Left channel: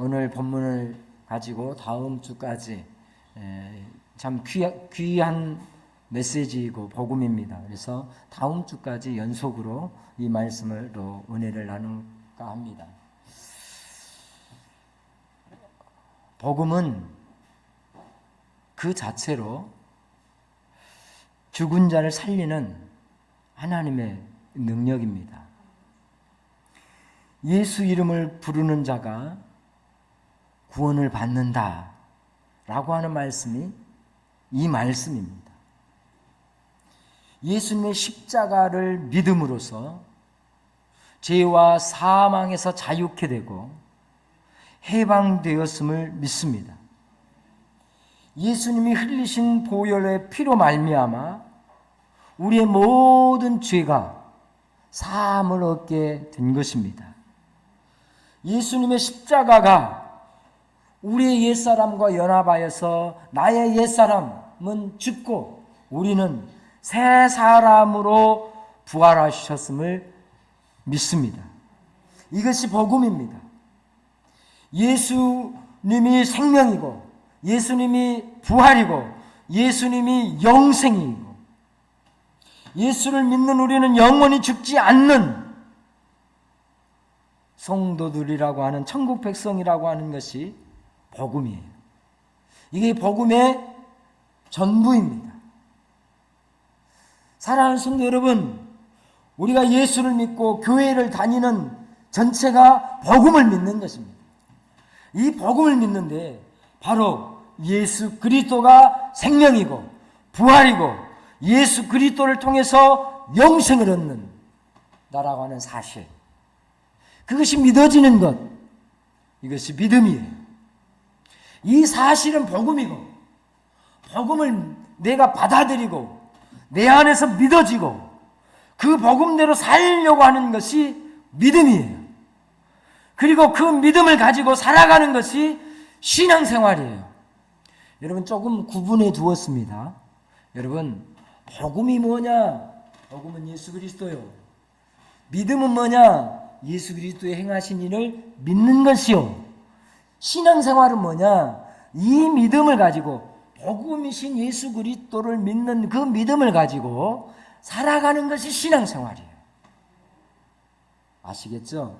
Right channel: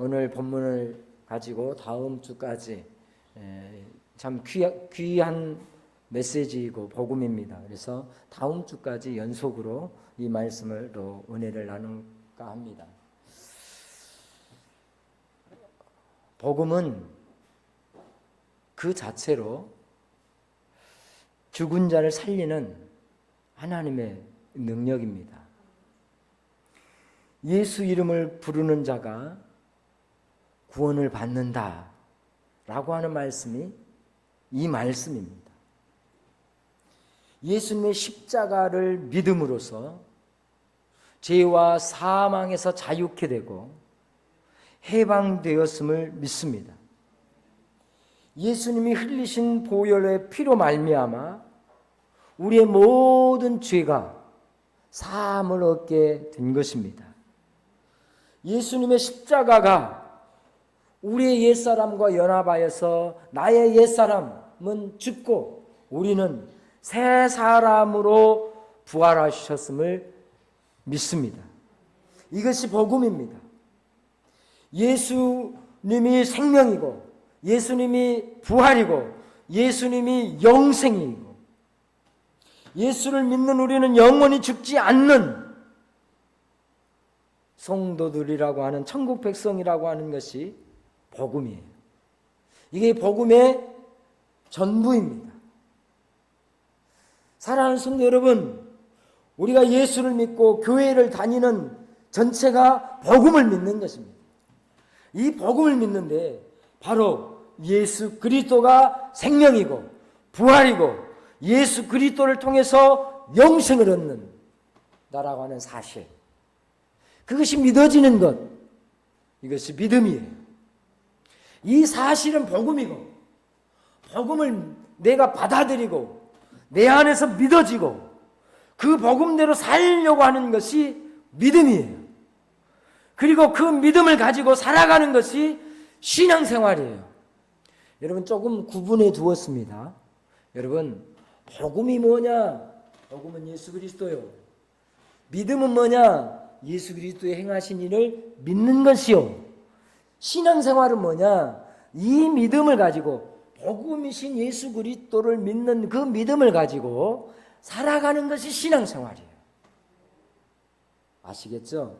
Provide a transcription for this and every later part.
오늘 본문을 가지고 다음 주까지 참 귀한 메시지이고 복음입니다. 그래서 다음 주까지 연속으로 이 말씀으로 은혜를 나눌까 합니다. 복음은 그 자체로 죽은 자를 살리는 하나님의 능력입니다. 예수 이름을 부르는 자가 구원을 받는다 라고 하는 말씀이 이 말씀입니다. 예수님의 십자가를 믿음으로써 죄와 사망에서 자유케 되고 해방되었음을 믿습니다. 예수님이 흘리신 보혈의 피로 말미암아 우리의 모든 죄가 사함을 얻게 된 것입니다. 예수님의 십자가가 우리의 옛사람과 연합하여서 나의 옛사람은 죽고 우리는 새 사람으로 부활하셨음을 믿습니다. 이것이 복음입니다. 예수님이 생명이고 예수님이 부활이고 예수님이 영생이고 예수를 믿는 우리는 영원히 죽지 않는 성도들이라고 하는 천국 백성이라고 하는 것이 복음이에요. 이게 복음의 전부입니다. 사랑하는 성도 여러분, 우리가 예수를 믿고 교회를 다니는 전체가 복음을 믿는 것입니다. 이 복음을 믿는데 바로 예수 그리스도가 생명이고 부활이고 예수 그리스도를 통해서 영생을 얻는 나라고 하는 사실, 그것이 믿어지는 것, 이것이 믿음이에요. 이 사실은 복음이고 복음을 내가 받아들이고 내 안에서 믿어지고 그 복음대로 살려고 하는 것이 믿음이에요. 그리고 그 믿음을 가지고 살아가는 것이 신앙생활이에요. 여러분, 조금 구분해 두었습니다. 여러분, 복음이 뭐냐? 복음은 예수 그리스도요. 믿음은 뭐냐? 예수 그리스도의 행하신 일을 믿는 것이요. 신앙생활은 뭐냐? 이 믿음을 가지고 복음이신 예수 그리스도를 믿는 그 믿음을 가지고 살아가는 것이 신앙생활이에요. 아시겠죠?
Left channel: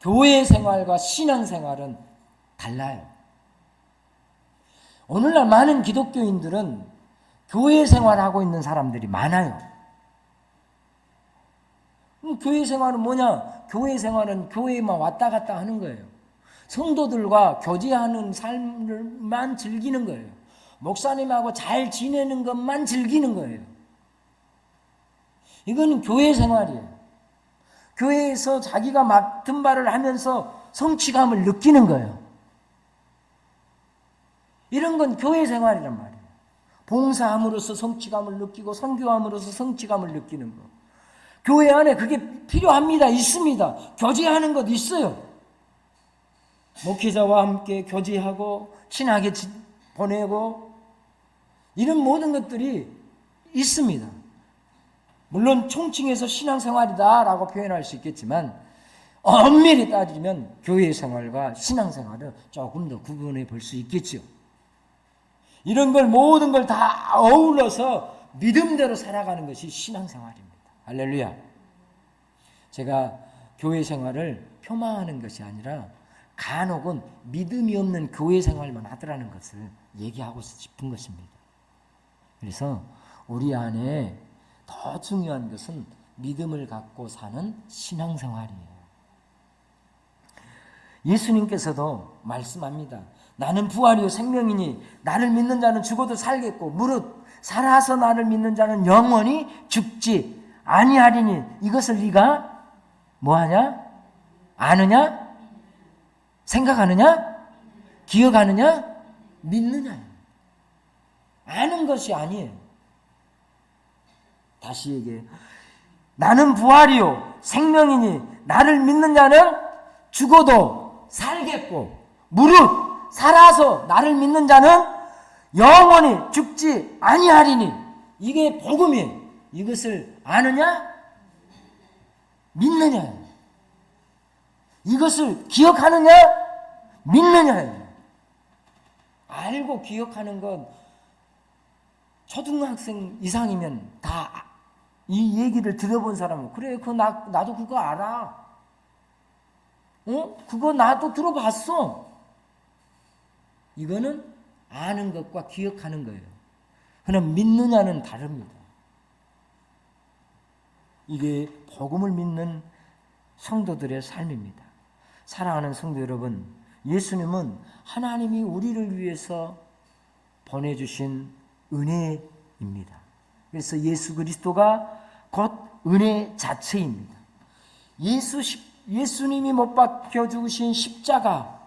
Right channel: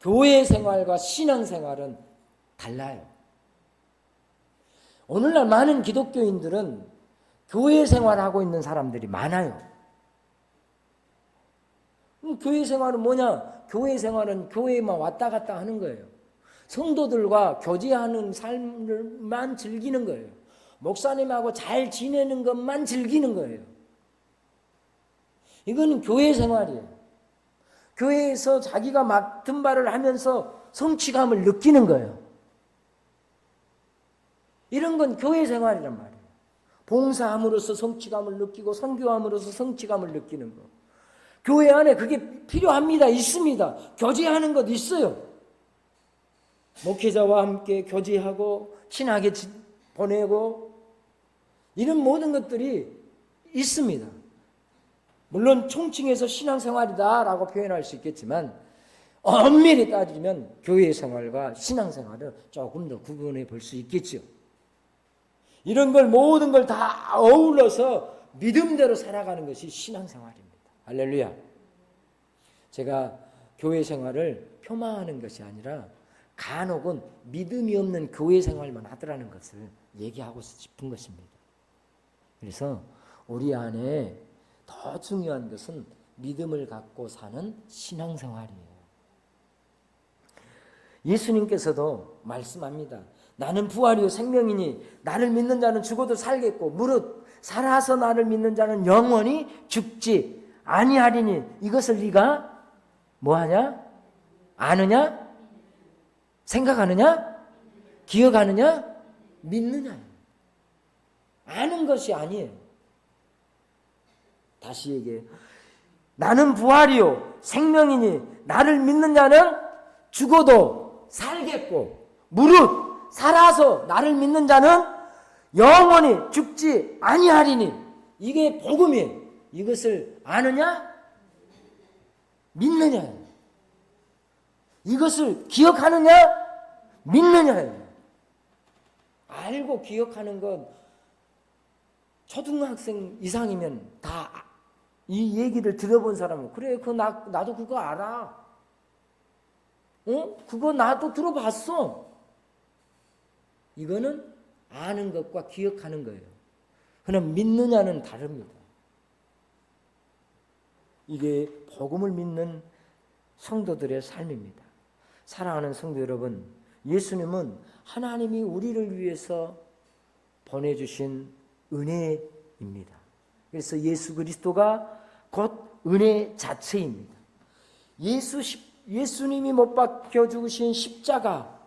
교회 생활과 신앙생활은 달라요. 오늘날 많은 기독교인들은 교회 생활하고 있는 사람들이 많아요. 교회 생활은 뭐냐? 교회 생활은 교회에만 왔다 갔다 하는 거예요. 성도들과 교제하는 삶을만 즐기는 거예요. 목사님하고 잘 지내는 것만 즐기는 거예요. 이거는 교회 생활이에요. 교회에서 자기가 맡은 바를 하면서 성취감을 느끼는 거예요. 이런 건 교회 생활이란 말이에요. 봉사함으로써 성취감을 느끼고 선교함으로써 성취감을 느끼는 거. 교회 안에 그게 필요합니다. 있습니다. 교제하는 것 있어요. 목회자와 함께 교제하고 친하게 보내고 이런 모든 것들이 있습니다. 물론 총칭해서 신앙생활이다라고 표현할 수 있겠지만 엄밀히 따지면 교회 생활과 신앙생활을 조금 더 구분해 볼 수 있겠죠. 이런 걸 모든 걸 다 어울러서 믿음대로 살아가는 것이 신앙생활입니다. 할렐루야. 제가 교회 생활을 폄하하는 것이 아니라 간혹은 믿음이 없는 교회 생활만 하더라는 것을 얘기하고 싶은 것입니다. 그래서 우리 안에 더 중요한 것은 믿음을 갖고 사는 신앙생활이에요. 예수님께서도 말씀합니다. 나는 부활이요 생명이니 나를 믿는 자는 죽어도 살겠고 무릇 살아서 나를 믿는 자는 영원히 죽지 아니하리니 이것을 네가 뭐하냐? 아느냐? 생각하느냐? 기억하느냐? 믿느냐? 아는 것이 아니에요. 다시 얘기해요. 나는 부활이요 생명이니 나를 믿는 자는 죽어도 살겠고 무릇 살아서 나를 믿는 자는 영원히 죽지 아니하리니 이게 복음이에요. 이것을 아느냐? 믿느냐? 이것을 기억하느냐 믿느냐예요. 알고 기억하는 건 초등학생 이상이면 다 이 얘기를 들어본 사람은 그래, 그거 나도 그거 알아. 그거 나도 들어봤어. 이거는 아는 것과 기억하는 거예요. 그러나 믿느냐는 다릅니다. 이게 복음을 믿는 성도들의 삶입니다. 사랑하는 성도 여러분, 예수님은 하나님이 우리를 위해서 보내주신 은혜입니다. 그래서 예수 그리스도가 곧 은혜 자체입니다. 예수님이 못 박혀 죽으신 십자가,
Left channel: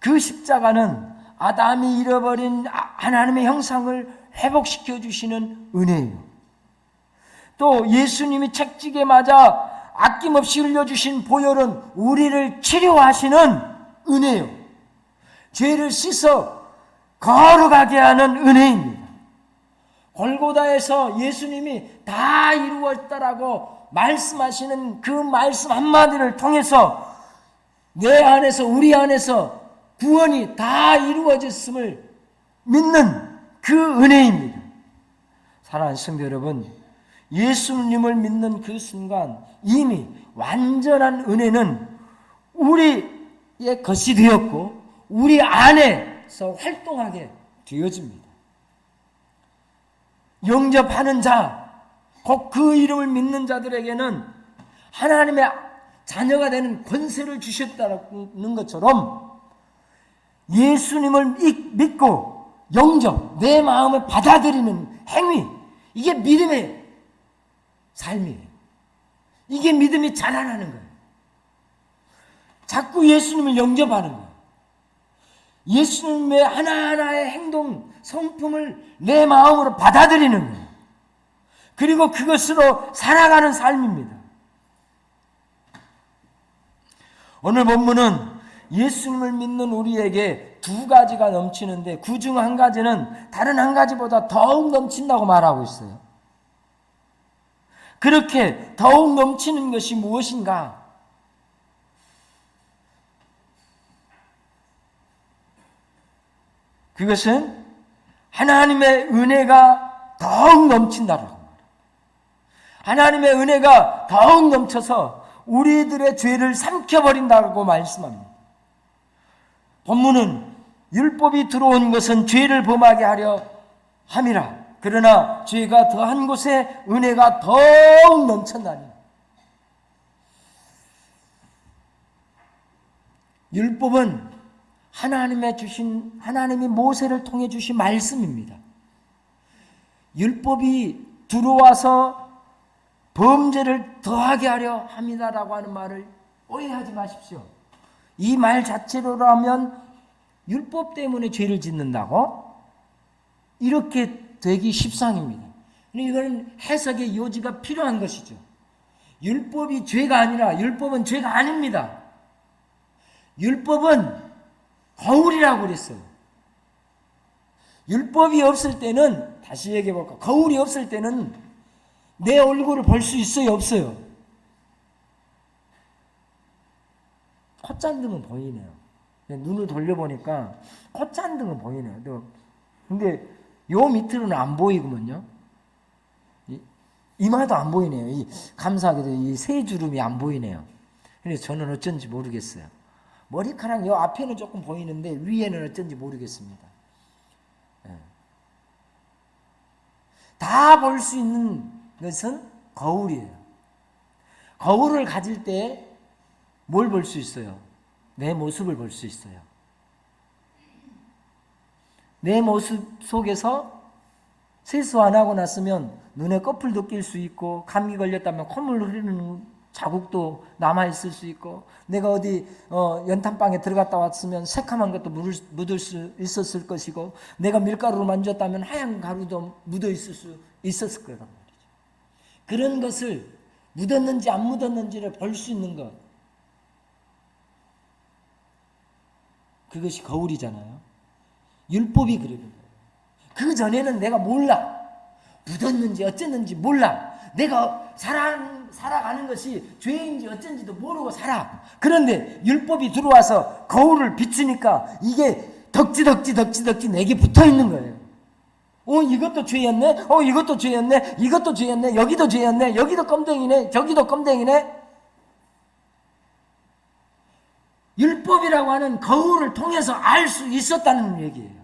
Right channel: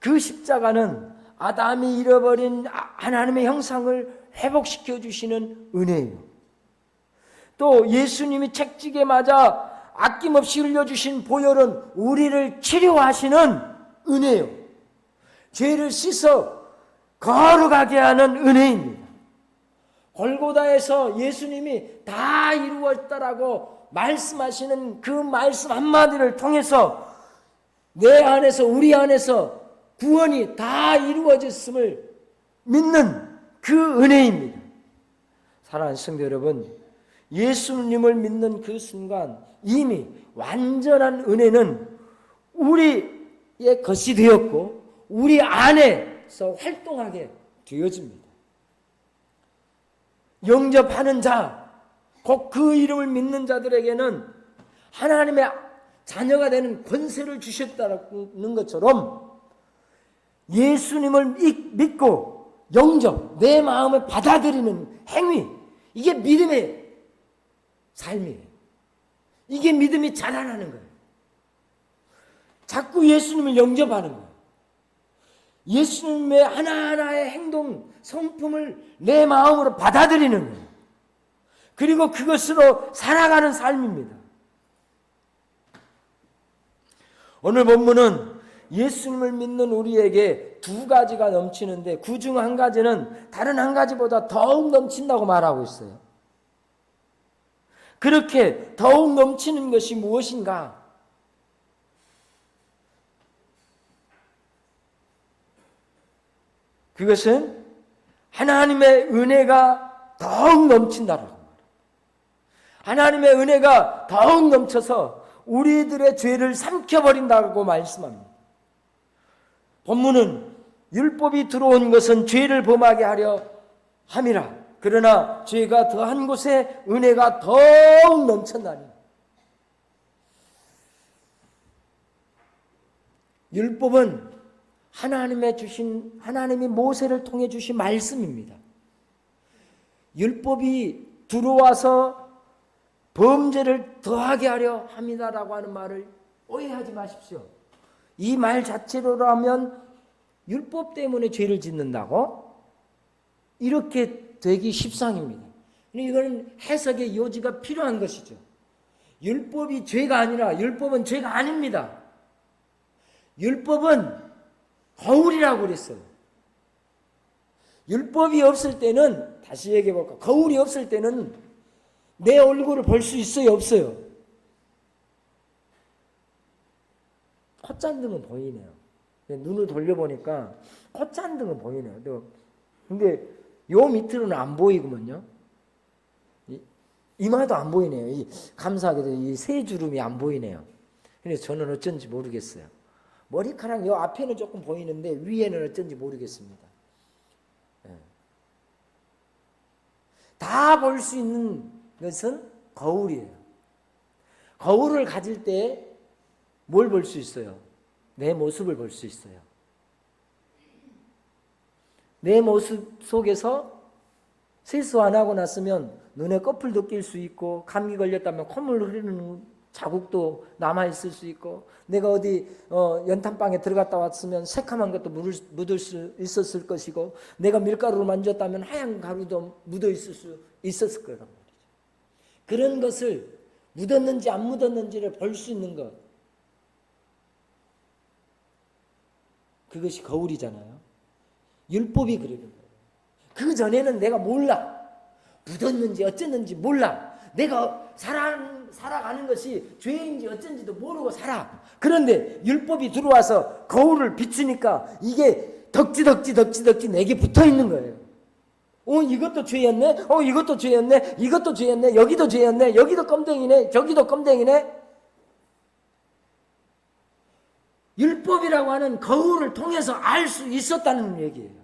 그 십자가는 아담이 잃어버린 하나님의 형상을 회복시켜 주시는 은혜예요. 또 예수님이 채찍에 맞아 아낌없이 흘려주신 보혈은 우리를 치료하시는 은혜요. 죄를 씻어 걸어가게 하는 은혜입니다. 골고다에서 예수님이 다 이루었다라고 말씀하시는 그 말씀 한마디를 통해서 내 안에서, 우리 안에서 구원이 다 이루어졌음을 믿는 그 은혜입니다. 사랑하는 성도 여러분, 예수님을 믿는 그 순간 이미 완전한 은혜는 우리의 것이 되었고 우리 안에서 활동하게 되어집니다. 영접하는 자, 곧 그 이름을 믿는 자들에게는 하나님의 자녀가 되는 권세를 주셨다는 것처럼 예수님을 믿고 영접, 내 마음에 받아들이는 행위, 이게 믿음의 삶이에요. 이게 믿음이 자라나는 거예요. 자꾸 예수님을 영접하는 거예요. 예수님의 하나하나의 행동, 성품을 내 마음으로 받아들이는 거예요. 그리고 그것으로 살아가는 삶입니다. 오늘 본문은 예수님을 믿는 우리에게 두 가지가 넘치는데 그 중 한 가지는 다른 한 가지보다 더욱 넘친다고 말하고 있어요. 그렇게 더욱 넘치는 것이 무엇인가? 그것은 하나님의 은혜가 더욱 넘친다라고 말해요. 하나님의 은혜가 더욱 넘쳐서 우리들의 죄를 삼켜버린다고 말씀합니다. 본문은 율법이 들어온 것은 죄를 범하게 하려 함이라. 그러나 죄가 더한 곳에 은혜가 더욱 넘쳤나니. 율법은 하나님이 모세를 통해 주신 말씀입니다. 율법이 들어와서 범죄를 더하게 하려 합니다라고 하는 말을 오해하지 마십시오. 이 말 자체로라면 율법 때문에 죄를 짓는다고? 이렇게 되기 십상입니다. 이거는 해석의 요지가 필요한 것이죠. 율법이 죄가 아니라 율법은 죄가 아닙니다. 율법은 거울이라고 그랬어요. 율법이 없을 때는, 다시 얘기해 볼까? 거울이 없을 때는 내 얼굴을 볼 수 있어요, 없어요? 콧잔등은 보이네요. 눈을 돌려보니까 콧잔등은 보이네요. 근데 요 밑으로는 안 보이구먼요. 이마도 안 보이네요. 감사하게도 이 세 주름이 안 보이네요. 그래서 저는 어쩐지 모르겠어요. 머리카락 요 앞에는 조금 보이는데 위에는 어쩐지 모르겠습니다. 다 볼 수 있는 것은 거울이에요. 거울을 가질 때 뭘 볼 수 있어요? 내 모습을 볼 수 있어요. 내 모습 속에서 세수 안 하고 났으면 눈에 꺼풀도 낄 수 있고, 감기 걸렸다면 콧물 흐르는 자국도 남아있을 수 있고, 내가 어디 연탄방에 들어갔다 왔으면 새카만 것도 묻을 수 있었을 것이고, 내가 밀가루를 만졌다면 하얀 가루도 묻어 있었을 거란 말이죠. 그런 것을 묻었는지 안 묻었는지를 볼 수 있는 것, 그것이 거울이잖아요. 율법이 그러는 거예요. 그 전에는 내가 몰라. 묻었는지 어쨌는지 몰라. 내가 살아가는 것이 죄인지 어쩐지도 모르고 살아. 그런데 율법이 들어와서 거울을 비추니까 이게 덕지 내게 붙어 있는 거예요. 이것도 죄였네. 이것도 죄였네. 이것도 죄였네. 여기도 죄였네. 여기도 껌댕이네. 저기도 껌댕이네. 율법이라고 하는 거울을 통해서 알 수 있었다는 얘기예요.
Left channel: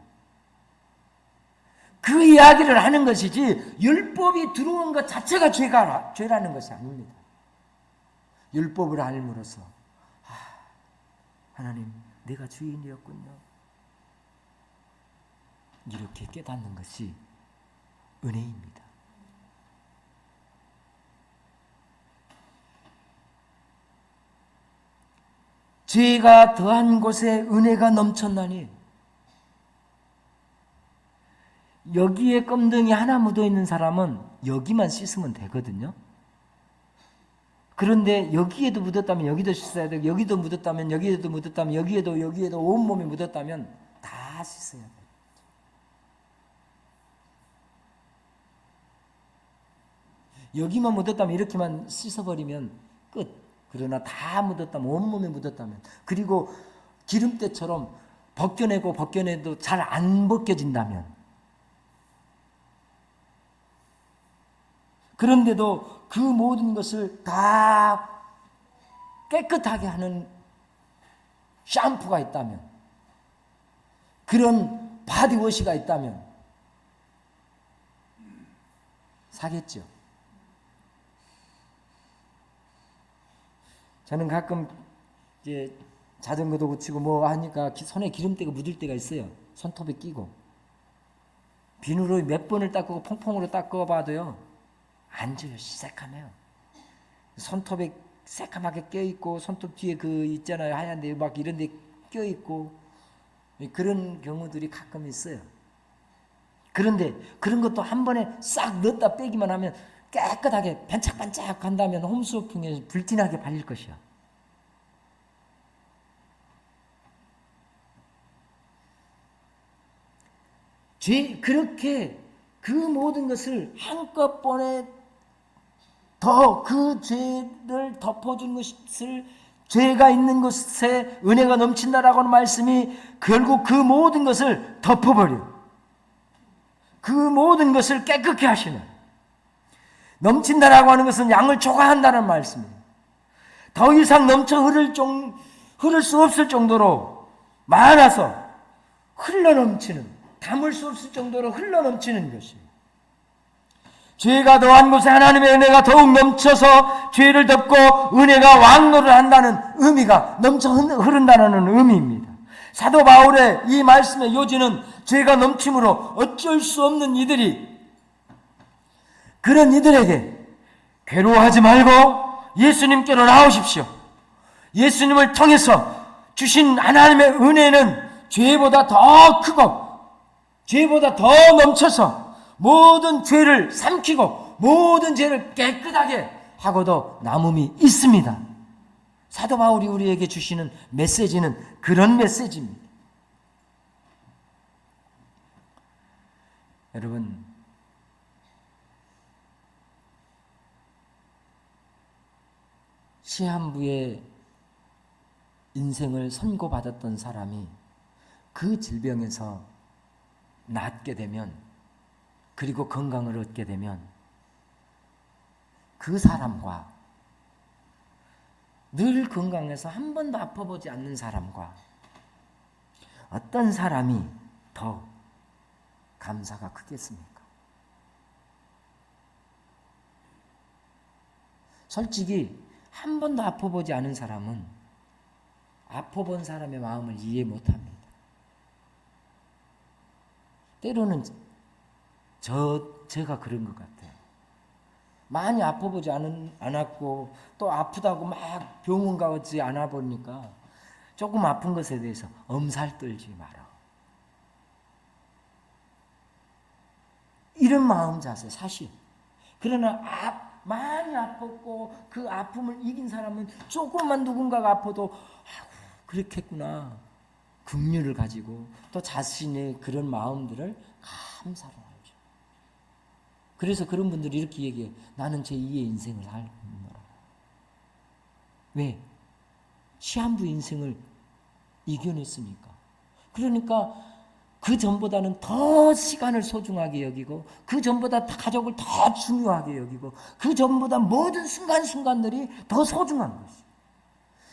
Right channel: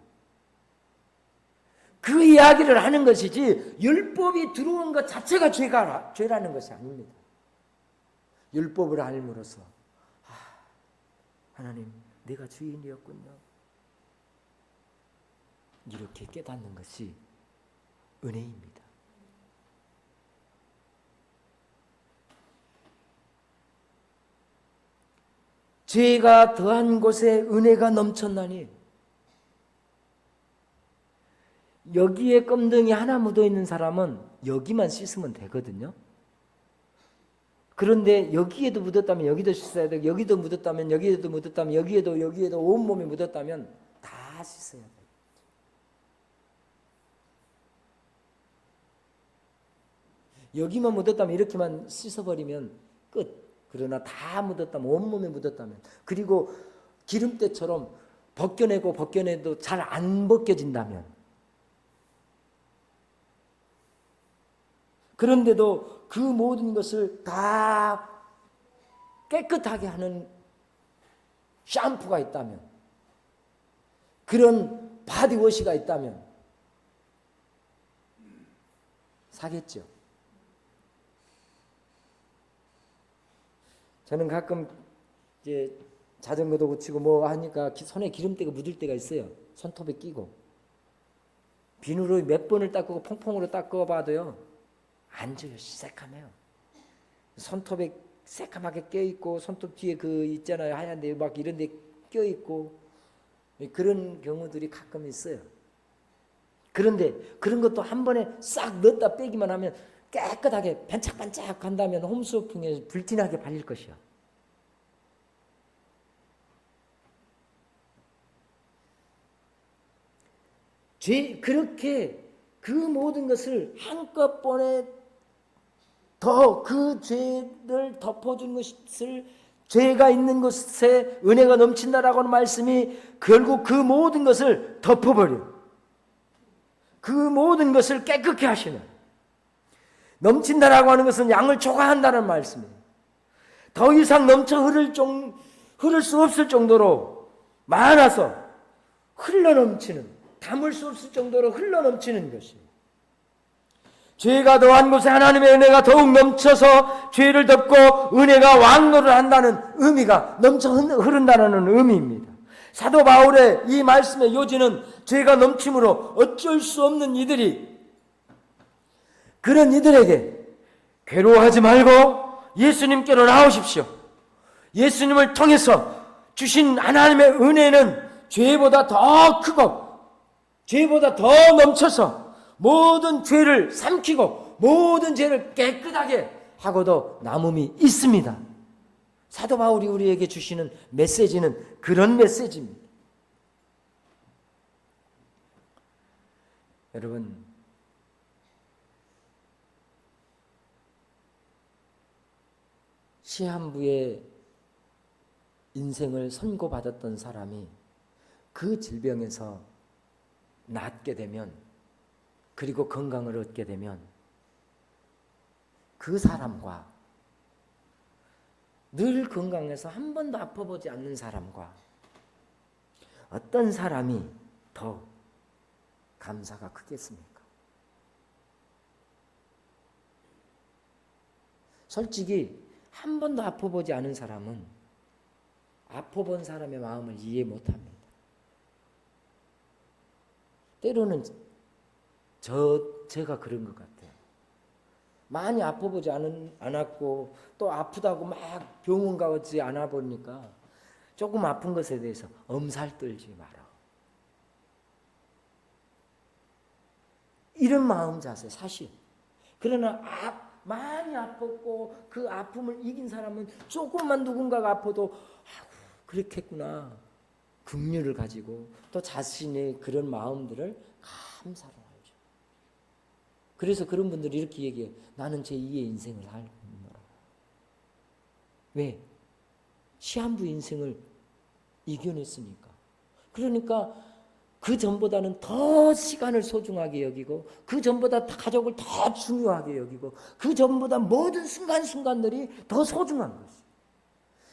그 이야기를 하는 것이지 율법이 들어온 것 자체가 죄라는 것이 아닙니다. 율법을 알므로써 하나님 내가 죄인이었군요. 이렇게 깨닫는 것이 은혜입니다. 죄가 더한 곳에 은혜가 넘쳤나니 여기에 껌등이 하나 묻어있는 사람은 여기만 씻으면 되거든요. 그런데 여기에도 묻었다면 여기도 씻어야 되고 여기도 묻었다면 여기에도 묻었다면 여기에도 온몸에 묻었다면 다 씻어야 돼요. 여기만 묻었다면 이렇게만 씻어버리면 끝. 그러나 다 묻었다면 온몸에 묻었다면 그리고 기름때처럼 벗겨내도 잘 안 벗겨진다면 그런데도 그 모든 것을 다 깨끗하게 하는 샴푸가 있다면 그런 바디워시가 있다면 사겠죠. 저는 가끔 이제 자전거도 고치고 뭐 하니까 손에 기름때가 묻을 때가 있어요. 손톱에 끼고 비누로 몇 번을 닦고 퐁퐁으로 닦아봐도요 안 져요. 새카매요. 손톱에 새까맣게 껴있고 손톱 뒤에 그 있잖아요. 하얀데 막 이런 데 껴있고 그런 경우들이 가끔 있어요. 그런데 그런 것도 한 번에 싹 넣었다 빼기만 하면 깨끗하게 반짝반짝 한다면 홈쇼핑에 불티나게 발릴 것이야. 그렇게 그 모든 것을 한꺼번에 더 그 죄를 덮어준 것을 죄가 있는 곳에 은혜가 넘친다라고 하는 말씀이 결국 그 모든 것을 덮어버려. 그 모든 것을 깨끗게 하시는. 넘친다라고 하는 것은 양을 초과한다는 말씀이에요. 더 이상 넘쳐 흐를 수 없을 정도로 많아서 흘러넘치는, 담을 수 없을 정도로 흘러넘치는 것이에요. 죄가 더한 곳에 하나님의 은혜가 더욱 넘쳐서 죄를 덮고 은혜가 왕노를 한다는 의미가 넘쳐 흐른다는 의미입니다. 사도 바울의 이 말씀의 요지는 죄가 넘침으로 어쩔 수 없는 그런 이들에게 괴로워하지 말고 예수님께로 나오십시오. 예수님을 통해서 주신 하나님의 은혜는 죄보다 더 크고 죄보다 더 넘쳐서 모든 죄를 삼키고 모든 죄를 깨끗하게 하고도 남음이 있습니다. 사도 바울이 우리에게 주시는 메시지는 그런 메시지입니다. 여러분, 시한부의 인생을 선고받았던 사람이 그 질병에서 낫게 되면 그리고 건강을 얻게 되면 그 사람과 늘 건강해서 한 번도 아파보지 않는 사람과 어떤 사람이 더 감사가 크겠습니까? 솔직히 한 번도 아파보지 않은 사람은 아파본 사람의 마음을 이해 못합니다. 때로는 제가 그런 것 같아요. 많이 아파보지 않았고 또 아프다고 막 병원 가지 않아 보니까 조금 아픈 것에 대해서 엄살 떨지 마라. 이런 마음 자세 사실. 그러나 많이 아팠고 그 아픔을 이긴 사람은 조금만 누군가가 아파도 그렇겠구나. 긍휼을 가지고 또 자신의 그런 마음들을 감사로 알죠. 그래서 그런 분들이 이렇게 얘기해요. 나는 제2의 인생을 살노라. 왜? 시한부 인생을 이겨냈으니까. 그러니까 그 전보다는 더 시간을 소중하게 여기고, 그 전보다 가족을 더 중요하게 여기고, 그 전보다 모든 순간순간들이 더 소중한 것이죠.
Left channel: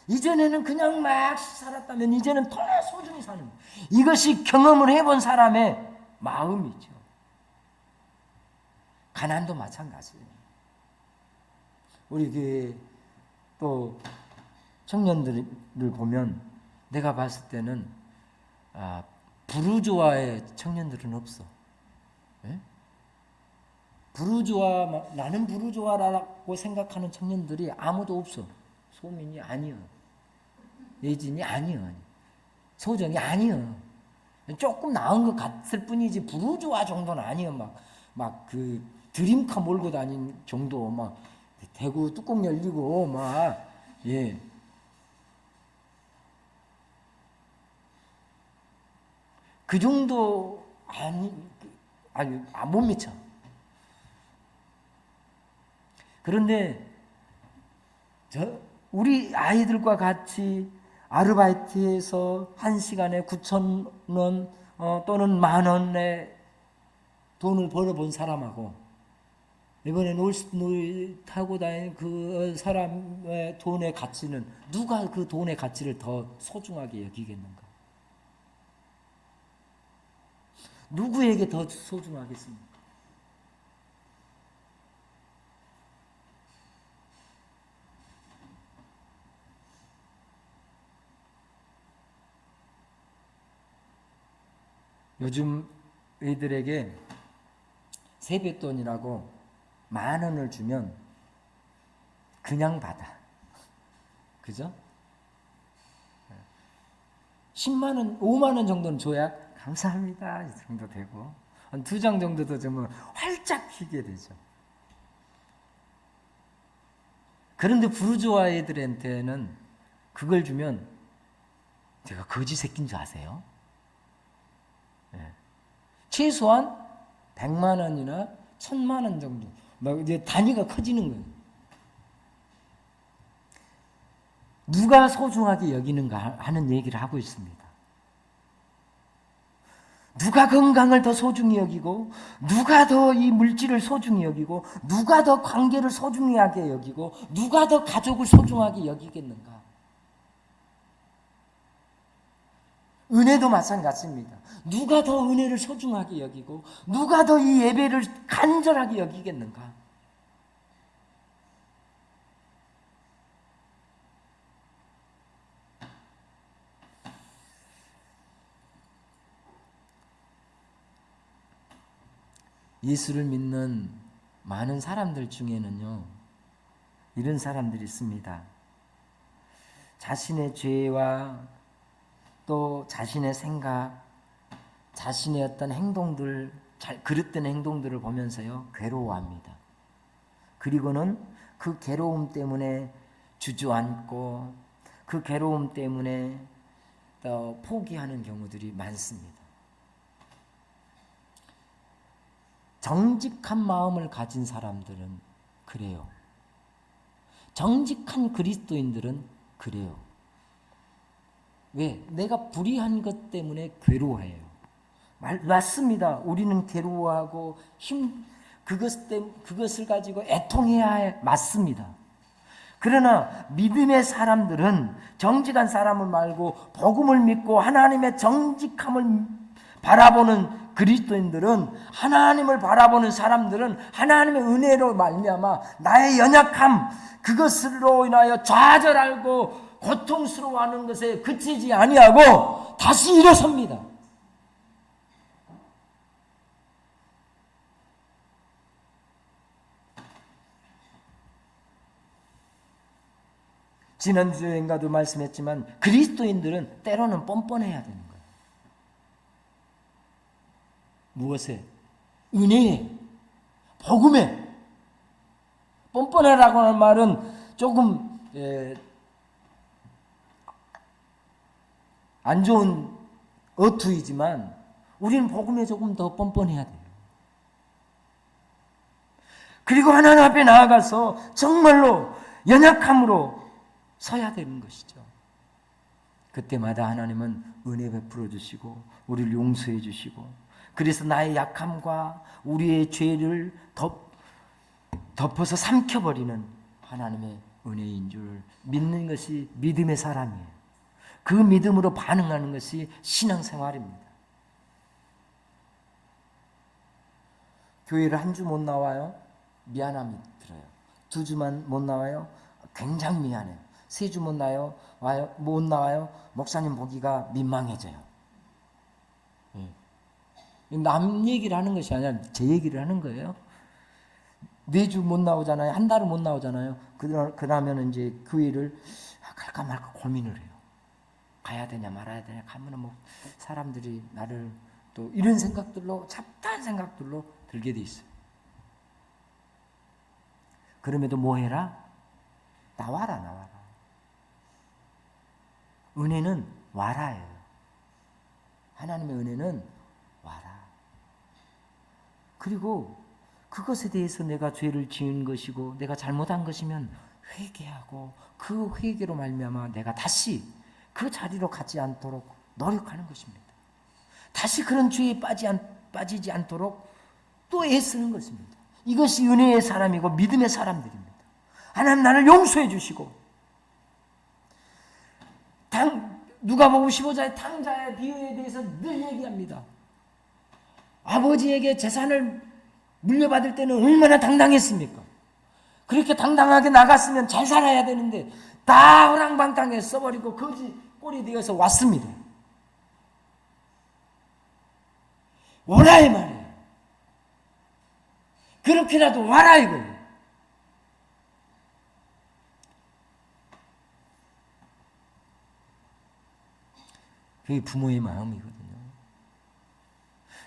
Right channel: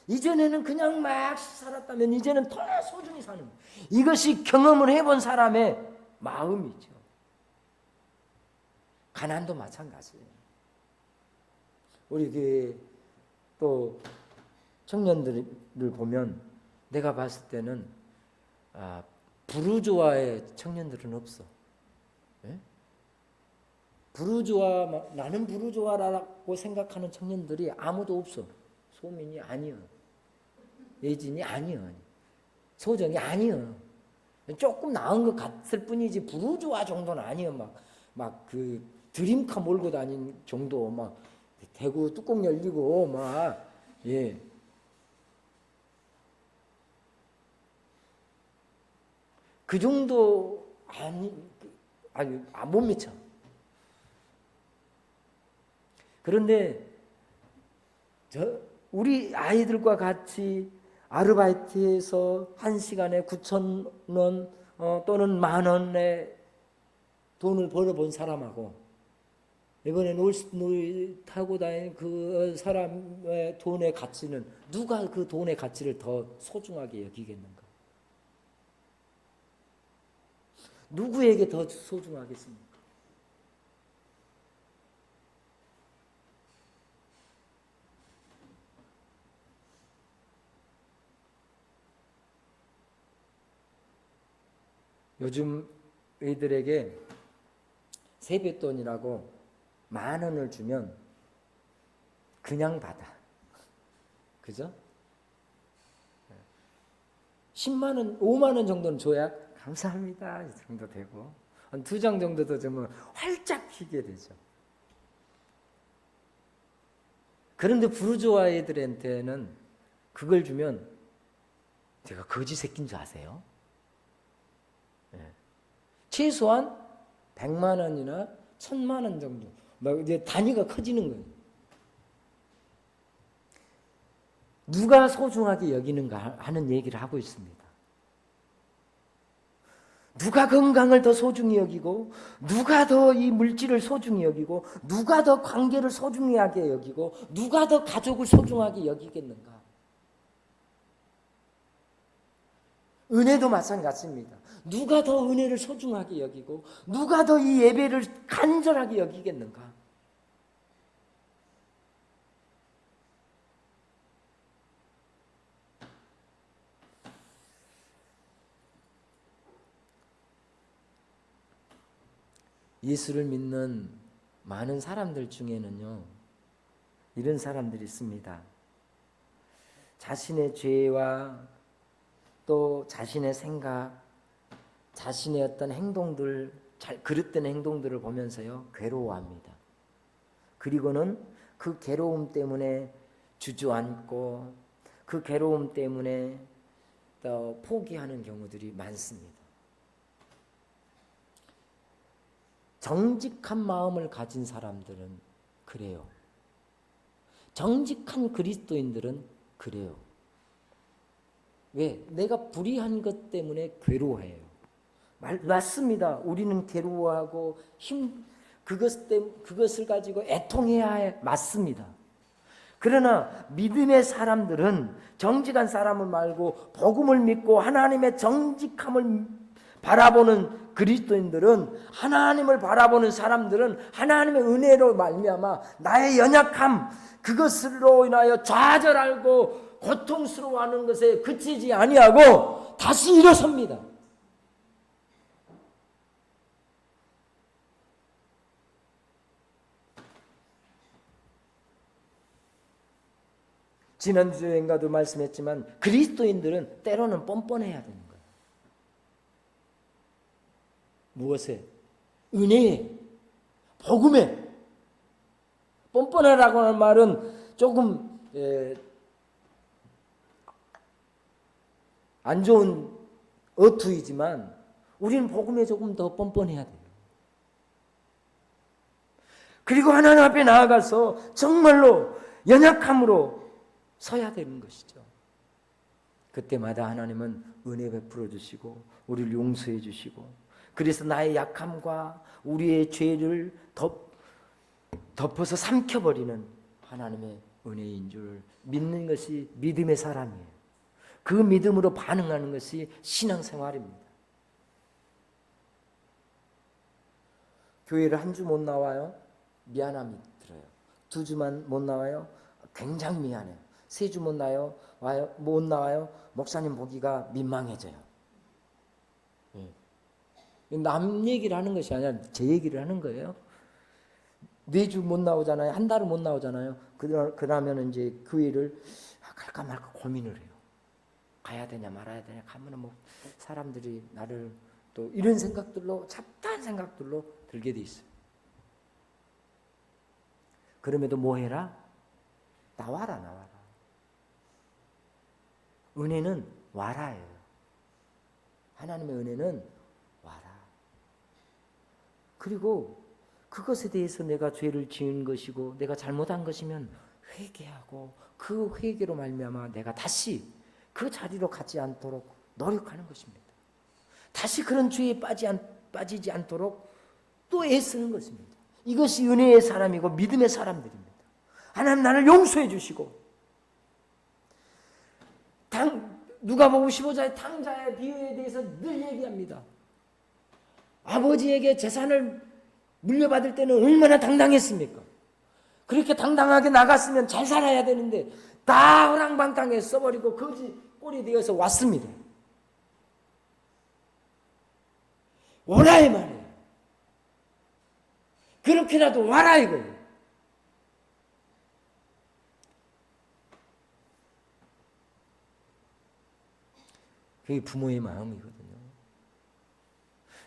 이전에는 그냥 막 살았다면 이제는 더 소중히 사는 거예요. 이것이 경험을 해본 사람의 마음이죠. 가난도 마찬가지예요. 우리 교회 또 청년들을 보면 내가 봤을 때는 부르주아의 청년들은 없어. 네? 부르주아, 나는 부르주아라고 생각하는 청년들이 아무도 없어. 소민이 아니요. 예진이 아니요. 소정이 아니요. 조금 나은 것 같을 뿐이지 부르주아 정도는 아니요. 막 그 드림카 몰고 다닌 정도, 막 대구 뚜껑 열리고 막 예. 그 정도 못 미쳐. 그런데 우리 아이들과 같이 아르바이트해서 1시간에 9,000원 또는 10,000원의 돈을 벌어본 사람하고 이번에 놀이 타고 다니는 그 사람의 돈의 가치는, 누가 그 돈의 가치를 더 소중하게 여기겠는가? 누구에게 더 소중하겠습니까? 요즘 애들에게 세뱃돈이라고 10,000원을 주면 그냥 받아. 그죠? 10만 원, 5만 원 정도는 줘야 감사합니다 이 정도 되고, 한 2장 정도 더 주면 활짝 피게 되죠. 그런데 부르주아 애들한테는 그걸 주면 제가 거지 새끼인 줄 아세요? 네. 최소한 100만 원이나 1,000만 원 정도, 막 이제 단위가 커지는 거예요. 누가 소중하게 여기는가 하는 얘기를 하고 있습니다. 누가 건강을 더 소중히 여기고, 누가 더 이 물질을 소중히 여기고, 누가 더 관계를 소중하게 여기고, 누가 더 가족을 소중하게 여기겠는가? 은혜도 마찬가지입니다. 누가 더 은혜를 소중하게 여기고, 누가 더 이 예배를 간절하게 여기겠는가? 예수를 믿는 많은 사람들 중에는요, 이런 사람들이 있습니다. 자신의 죄와 또 자신의 생각, 자신의 어떤 행동들, 그릇된 행동들을 보면서요, 괴로워합니다. 그리고는 그 괴로움 때문에 주저앉고, 그 괴로움 때문에 또 포기하는 경우들이 많습니다. 정직한 마음을 가진 사람들은 그래요. 정직한 그리스도인들은 그래요. 왜? 내가 불의한 것 때문에 괴로워해요. 맞습니다. 우리는 괴로워하고 그것을 가지고 애통해야 해. 맞습니다. 그러나 믿음의 사람들은, 정직한 사람을 말고 복음을 믿고 하나님의 정직함을 바라보는 그리스도인들은, 하나님을 바라보는 사람들은 하나님의 은혜로 말미암아 나의 연약함, 그것으로 인하여 좌절하고 고통스러워하는 것에 그치지 아니하고 다시 일어섭니다. 지난주에인가도 말씀했지만 그리스도인들은 때로는 뻔뻔해야 되는 거예요. 무엇에? 은혜에, 복음에. 뻔뻔하라고 하는 말은 조금 안 좋은 어투이지만 우리는 복음에 조금 더 뻔뻔해야 돼요. 그리고 하나님 앞에 나아가서 정말로 연약함으로 서야 되는 것이죠. 그때마다 하나님은 은혜 베풀어 주시고 우리를 용서해 주시고, 그래서 나의 약함과 우리의 죄를 덮어서 삼켜버리는 하나님의 은혜인 줄 믿는 것이 믿음의 사람이에요. 그 믿음으로 반응하는 것이 신앙생활입니다. 교회를 한 주 못 나와요? 미안함이 들어요. 2주만 못 나와요? 굉장히 미안해요. 3주 못 나와요? 목사님 보기가 민망해져요. 남 얘기를 하는 것이 아니라 제 얘기를 하는 거예요. 4주 못 나오잖아요. 한 달은 못 나오잖아요. 그러면 이제 교회를 갈까 말까 고민을 해요. 가야 되냐 말아야 되냐, 가면은 뭐 사람들이 나를 또 이런 생각들로, 잡다한 생각들로 들게 돼 있어요. 그럼에도 뭐 해라? 나와라. 은혜는 와라예요. 하나님의 은혜는 와라. 그리고 그것에 대해서 내가 죄를 지은 것이고 내가 잘못한 것이면 회개하고, 그 회개로 말미암아 내가 다시 그 자리로 가지 않도록 노력하는 것입니다. 다시 그런 죄에 빠지지 않도록 또 애쓰는 것입니다. 이것이 은혜의 사람이고 믿음의 사람들입니다. 하나님 나를 용서해 주시고, 누가복음 15장의 탕자의 비유에 대해서 늘 얘기합니다. 아버지에게 재산을 물려받을 때는 얼마나 당당했습니까? 그렇게 당당하게 나갔으면 잘 살아야 되는데 다 허랑방탕에 써버리고 거지 꼴이 되어서 왔습니다. 오라 이 말이에요. 그렇게라도 와라 이거예요. 그게 부모의 마음이거든요.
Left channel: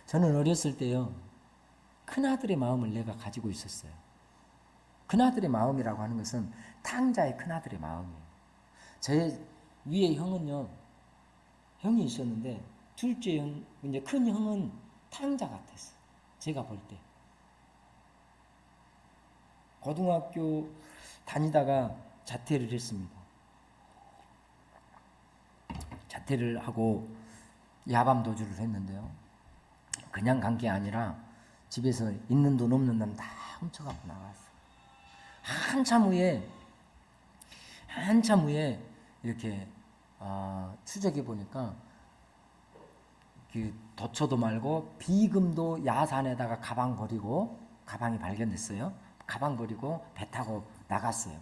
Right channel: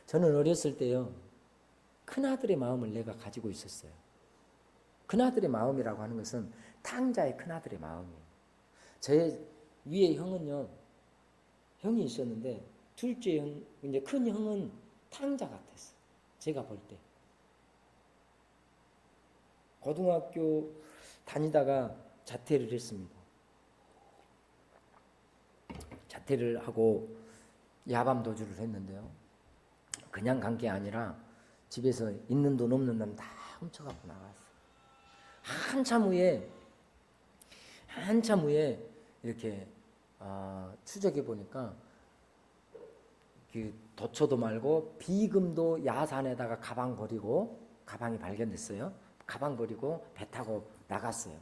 저는 어렸을 때요, 큰아들의 마음을 내가 가지고 있었어요. 큰아들의 마음이라고 하는 것은 탕자의 큰아들의 마음이에요. 제 위에 형은요, 형이 있었는데 둘째 형, 이제 큰 형은 탕자 같았어요. 제가 볼 때. 고등학교 다니다가 자퇴를 했습니다. 자퇴를 하고 야밤 도주를 했는데요, 그냥 간 게 아니라 집에서 있는 돈 없는 돈 다 훔쳐갖고 나갔어요. 한참 후에 이렇게 추적해 보니까 그 도처도 말고 비금도 야산에다가 가방이 발견됐어요. 가방 버리고 배 타고 나갔어요.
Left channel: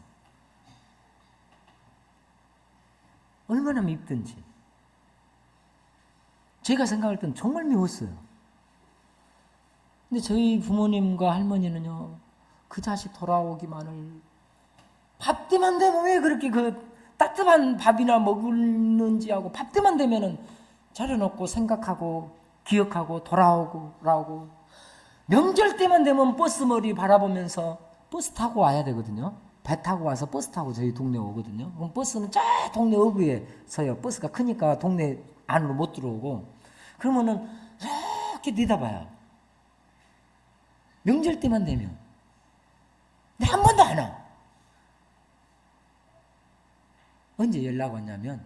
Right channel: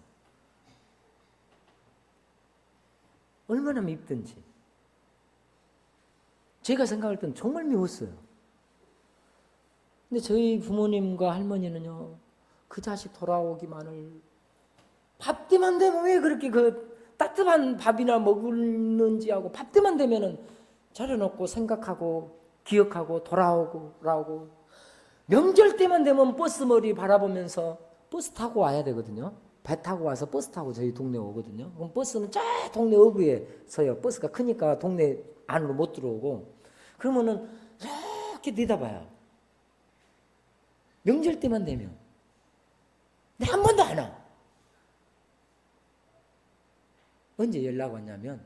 얼마나 밉든지. 제가 생각할 땐 정말 미웠어요. 근데 저희 부모님과 할머니는요, 그 자식 돌아오기만을, 밥 때만 되면 왜 그렇게 그 따뜻한 밥이나 먹는지 하고, 밥 때만 되면은 차려놓고 생각하고 기억하고 돌아오고, 명절 때만 되면 버스 머리 바라보면서 버스 타고 와야 되거든요. 배 타고 와서 버스 타고 저희 동네 오거든요. 그럼 버스는 저 동네 어귀에 서요. 버스가 크니까 동네 안으로 못 들어오고, 그러면은 이렇게 내다봐요. 명절 때만 되면. 근데 한 번도 안 와. 언제 연락 왔냐면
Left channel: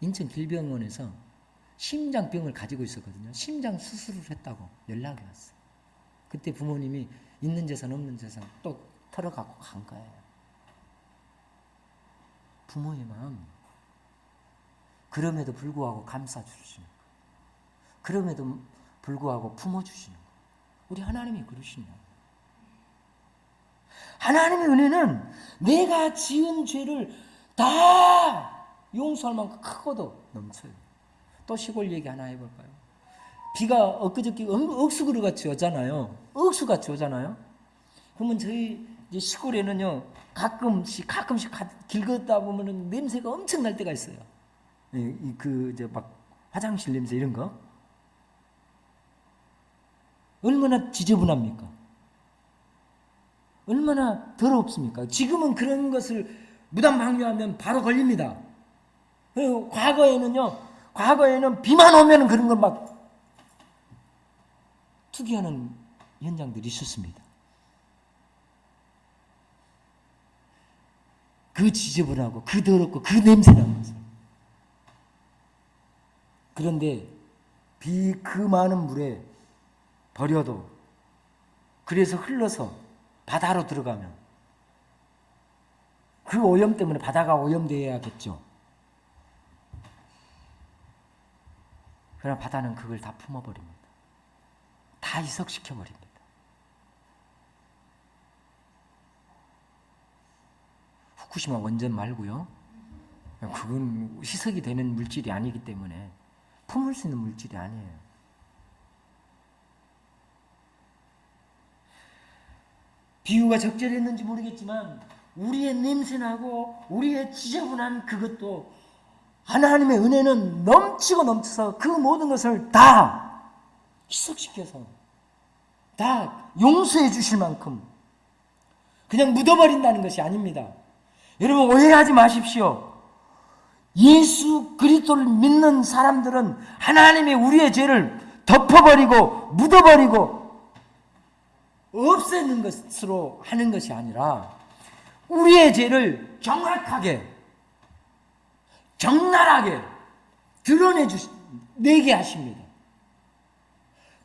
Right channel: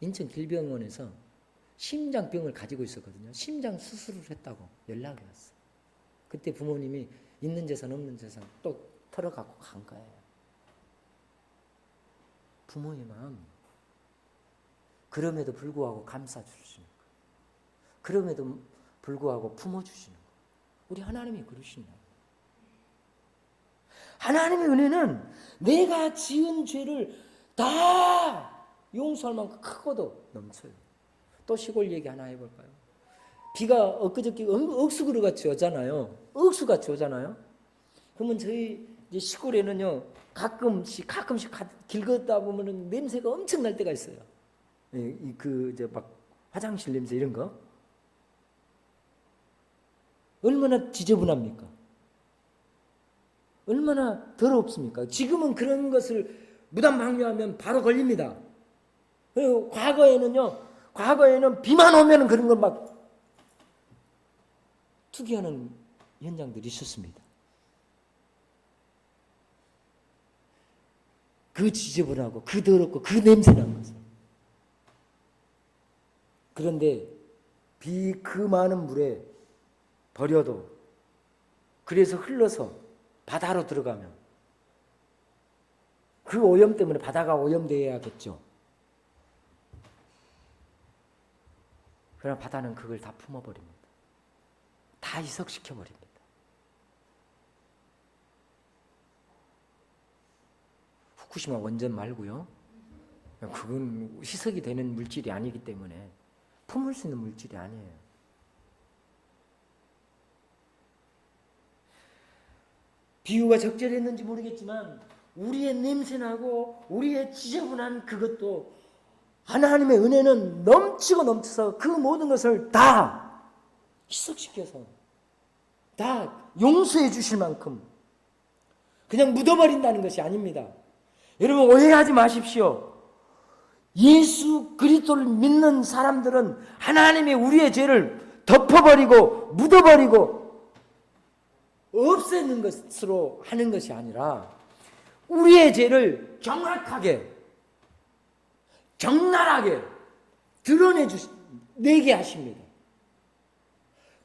인천 길병원에서 심장병을 가지고 있었거든요. 심장 수술을 했다고 연락이 왔어요. 그때 부모님이 있는 재산 없는 재산 또 털어갖고 간 거예요. 부모의 마음. 그럼에도 불구하고 감싸주시는 거예요. 그럼에도 불구하고 품어주시는 거예요. 우리 하나님이 그러시냐. 하나님의 은혜는 내가 지은 죄를 다 용서할 만큼 크고도 넘쳐요. 또 시골 얘기 하나 해볼까요? 비가 엊그저께 억수그릇 같이 오잖아요. 억수같이 오잖아요. 그러면 저희 이제 시골에는요, 가끔씩 길 걷다 보면은 냄새가 엄청 날 때가 있어요. 이제 막 화장실 냄새 이런 거. 얼마나 지저분합니까? 얼마나 더럽습니까? 지금은 그런 것을 무단방류하면 바로 걸립니다. 그리고 과거에는 비만 오면 그런 걸 막 투기하는 현장들이 있었습니다. 그 지저분하고 그 더럽고 그 냄새난 것을. 그런데 그 많은 물에 버려도, 그래서 흘러서 바다로 들어가면 그 오염 때문에 바다가 오염되어야겠죠. 그러나 바다는 그걸 다 품어버립니다. 다 희석시켜버립니다. 후쿠시마 원전 말고요. 그건 희석이 되는 물질이 아니기 때문에 품을 수 있는 물질이 아니에요. 비유가 적절했는지 모르겠지만 우리의 냄새나고 우리의 지저분한 그것도 하나님의 은혜는 넘치고 넘쳐서 그 모든 것을 다 희석시켜서 다 용서해 주실 만큼 그냥 묻어버린다는 것이 아닙니다. 여러분 오해하지 마십시오. 예수 그리스도를 믿는 사람들은 하나님의 우리의 죄를 덮어버리고 묻어버리고 없애는 것으로 하는 것이 아니라 우리의 죄를 정확하게 적나라하게 내게 하십니다.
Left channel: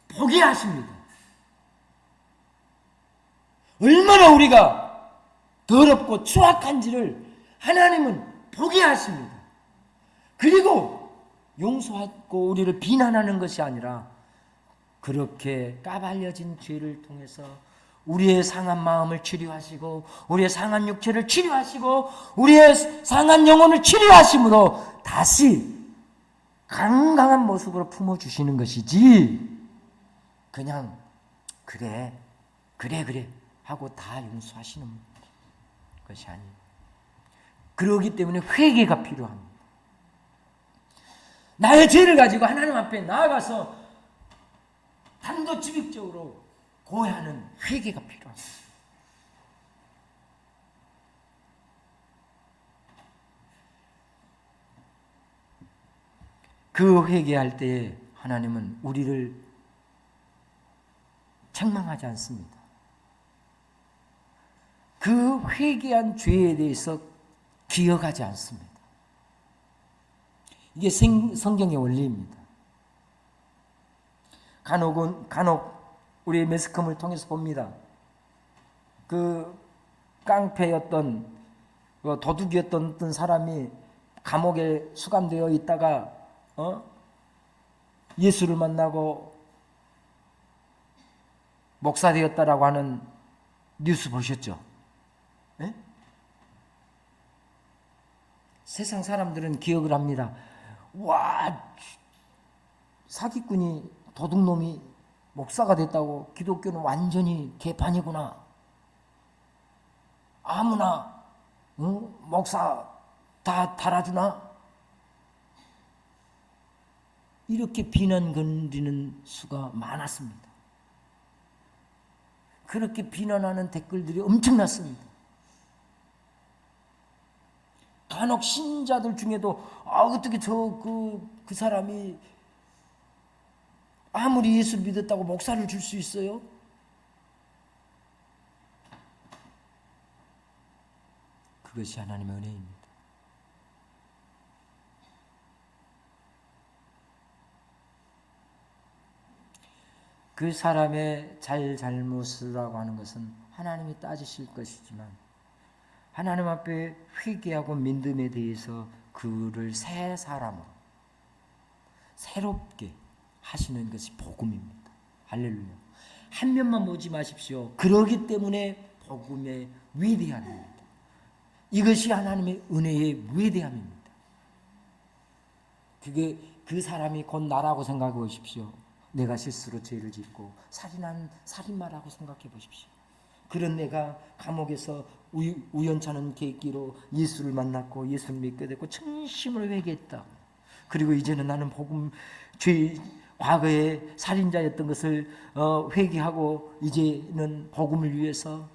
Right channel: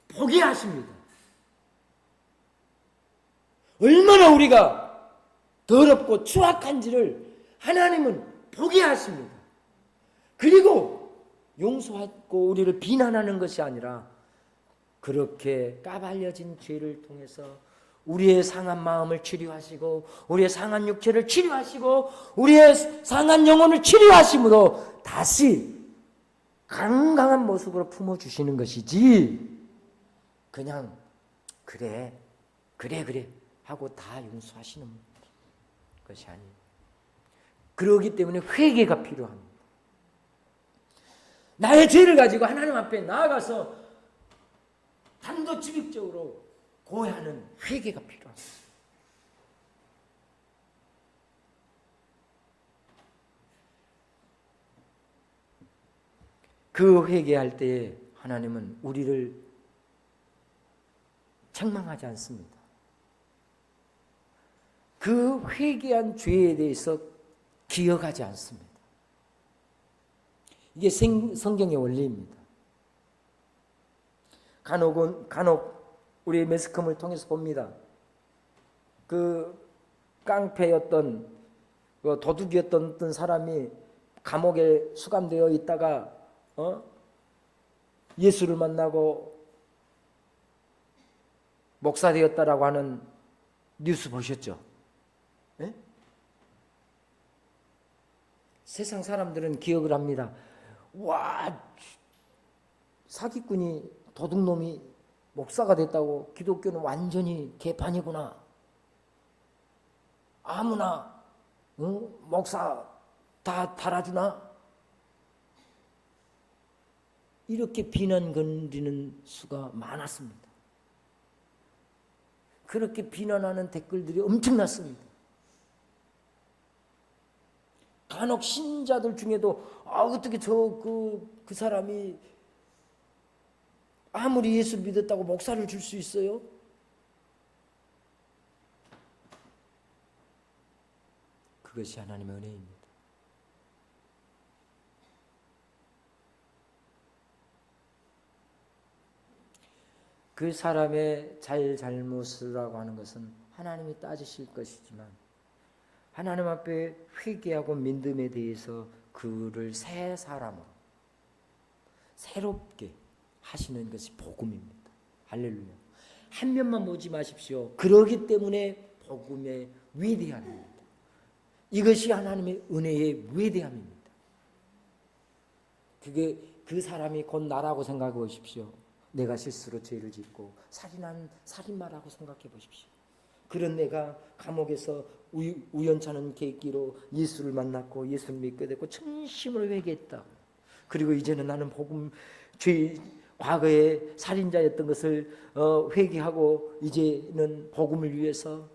보게 하십니다. 얼마나 우리가 더럽고 추악한지를 하나님은 보게 하십니다. 그리고 용서하고 우리를 비난하는 것이 아니라 그렇게 까발려진 죄를 통해서 우리의 상한 마음을 치료하시고 우리의 상한 육체를 치료하시고 우리의 상한 영혼을 치료하심으로 다시 건강한 모습으로 품어주시는 것이지 그냥 그래 하고 다 용서하시는 것이 아니에요. 그러기 때문에 회개가 필요합니다. 나의 죄를 가지고 하나님 앞에 나아가서 단도직입적으로 고해하는 회개가 필요합니다. 그 회개할 때에 하나님은 우리를 책망하지 않습니다. 그 회개한 죄에 대해서 기억하지 않습니다. 이게 성경의 원리입니다. 간혹 우리 매스컴을 통해서 봅니다. 그 깡패였던 도둑이었던 어떤 사람이 감옥에 수감되어 있다가 예수를 만나고 목사 되었다라고 하는 뉴스 보셨죠? 네? 세상 사람들은 기억을 합니다. 와, 사기꾼이 도둑놈이 목사가 됐다고 기독교는 완전히 개판이구나. 아무나 목사 다 달아주나? 이렇게 비난 건드리는 수가 많았습니다. 그렇게 비난하는 댓글들이 엄청났습니다. 간혹 신자들 중에도 어떻게 그 사람이 아무리 예수를 믿었다고 목사를 줄 수 있어요? 그것이 하나님의 은혜입니다. 그 사람의 잘못이라고 하는 것은 하나님이 따지실 것이지만 하나님 앞에 회개하고 믿음에 대해서 그를 새 사람으로 새롭게 하시는 것이 복음입니다. 할렐루야. 한 면만 보지 마십시오. 그러기 때문에 복음의 위대함입니다. 이것이 하나님의 은혜의 위대함입니다. 그게 그 사람이 곧 나라고 생각해 보십시오. 내가 실수로 죄를 짓고 살인한 살인마라고 생각해 보십시오. 그런 내가 감옥에서 우연찮은 계기로 예수를 만났고 예수를 믿게 됐고 진심으로 회개했다. 그리고 이제는 나는 복음 과거에 살인자였던 것을 회개하고 이제는 복음을 위해서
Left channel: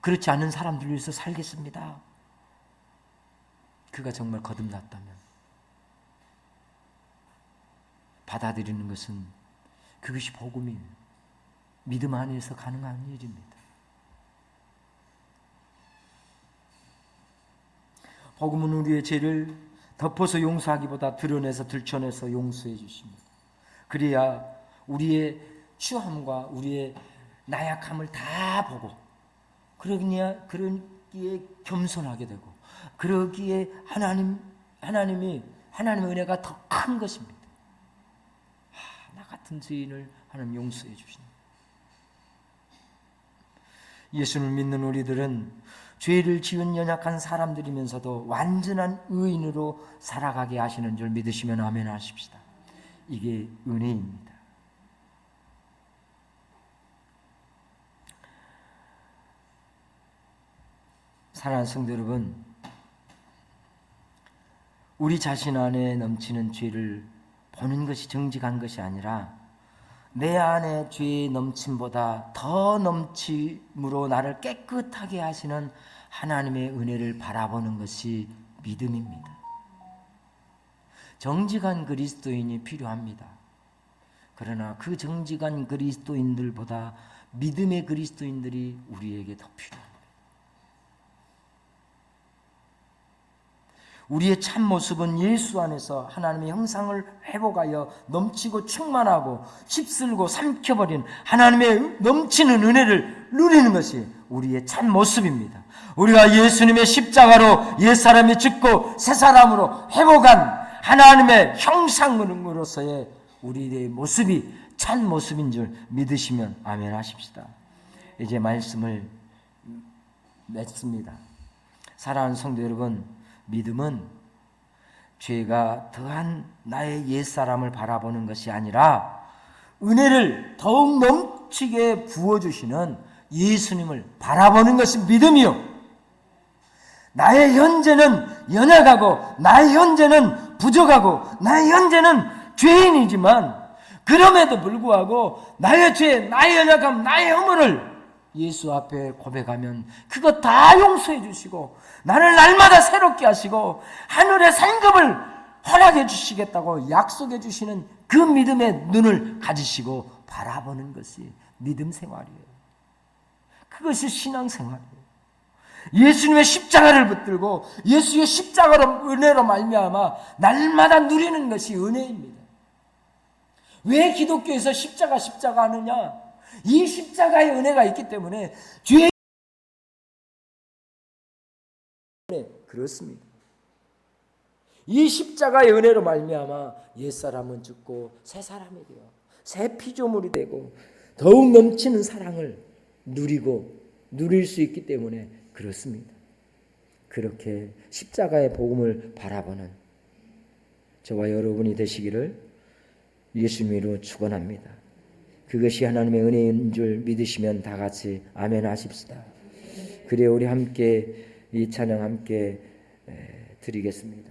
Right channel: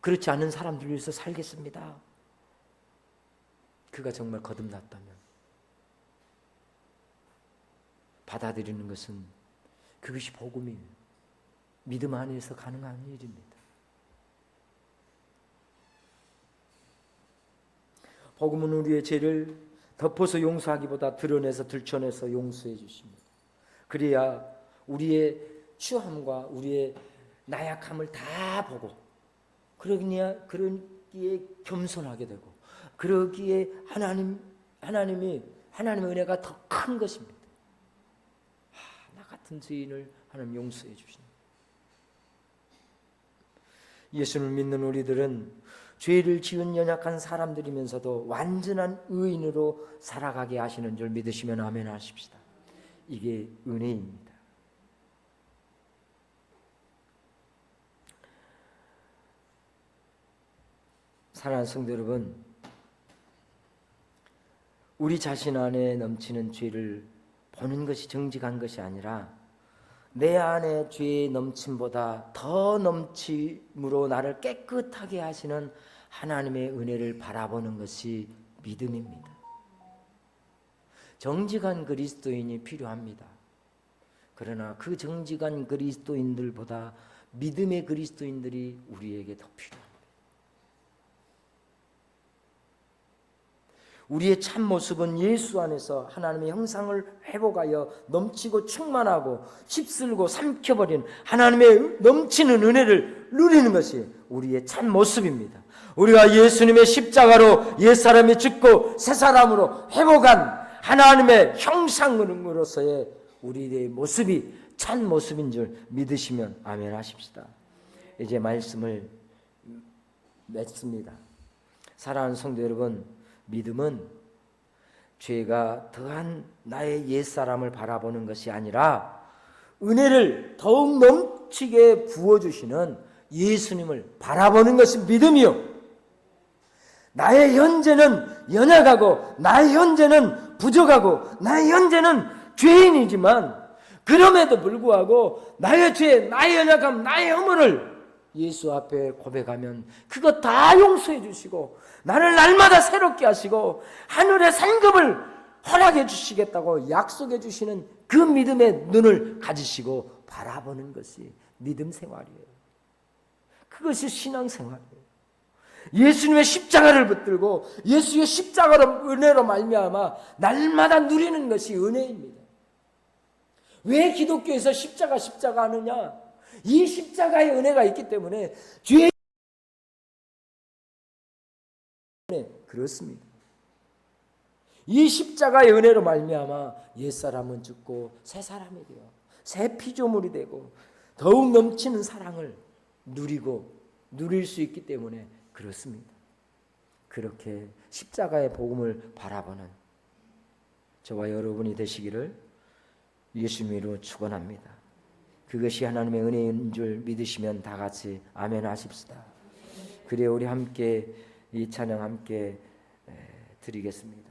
그렇지 않은 사람들을 위해서 살겠습니다. 그가 정말 거듭났다면 받아들이는 것은 그것이 복음이에요. 믿음 안에서 가능한 일입니다. 복음은 우리의 죄를 덮어서 용서하기보다 드러내서 들춰내서 용서해 주십니다. 그래야 우리의 추함과 우리의 나약함을 다 보고 그러기에 겸손하게 되고 그러기에 하나님의 은혜가 더 큰 것입니다. 나 같은 죄인을 하나님 용서해 주신다. 예수를 믿는 우리들은 죄를 지은 연약한 사람들이면서도 완전한 의인으로 살아가게 하시는 줄 믿으시면 아멘 하십시다. 이게 은혜입니다. 사랑하는 성도 여러분, 우리 자신 안에 넘치는 죄를 보는 것이 정직한 것이 아니라 내 안에 죄의 넘침보다 더 넘침으로 나를 깨끗하게 하시는 하나님의 은혜를 바라보는 것이 믿음입니다. 정직한 그리스도인이 필요합니다. 그러나 그 정직한 그리스도인들보다 믿음의 그리스도인들이 우리에게 더 필요합니다. 우리의 참 모습은 예수 안에서 하나님의 형상을 회복하여 넘치고 충만하고 휩쓸고 삼켜버린 하나님의 넘치는 은혜를 누리는 것이 우리의 참 모습입니다. 우리가 예수님의 십자가로 옛사람이 죽고 새사람으로 회복한 하나님의 형상으로서의 우리의 모습이 참 모습인 줄 믿으시면 아멘 하십시다. 이제 말씀을 맺습니다. 사랑하는 성도 여러분, 믿음은 죄가 더한 나의 옛사람을 바라보는 것이 아니라 은혜를 더욱 넘치게 부어주시는 예수님을 바라보는 것이 믿음이요. 나의 현재는 연약하고 나의 현재는 부족하고 나의 현재는 죄인이지만 그럼에도 불구하고 나의 죄, 나의 연약함, 나의 허물을 예수 앞에 고백하면 그거 다 용서해 주시고 나를 날마다 새롭게 하시고 하늘의 상급을 허락해 주시겠다고 약속해 주시는 그 믿음의 눈을 가지시고 바라보는 것이 믿음 생활이에요. 그것이 신앙 생활이에요. 예수님의 십자가를 붙들고 예수의 십자가로 은혜로 말미암아 날마다 누리는 것이 은혜입니다. 왜 기독교에서 십자가 하느냐? 이 십자가의 은혜가 있기 때문에 죄 그렇습니다. 이 십자가의 은혜로 말미암아 옛사람은 죽고 새 사람이 되어 새 피조물이 되고 더욱 넘치는 사랑을 누릴 수 있기 때문에 그렇습니다. 그렇게 십자가의 복음을 바라보는 저와 여러분이 되시기를 예수님으로 축원합니다. 그것이 하나님의 은혜인 줄 믿으시면 다 같이 아멘 하십시다. 그래 우리 함께 이 찬양 함께 드리겠습니다.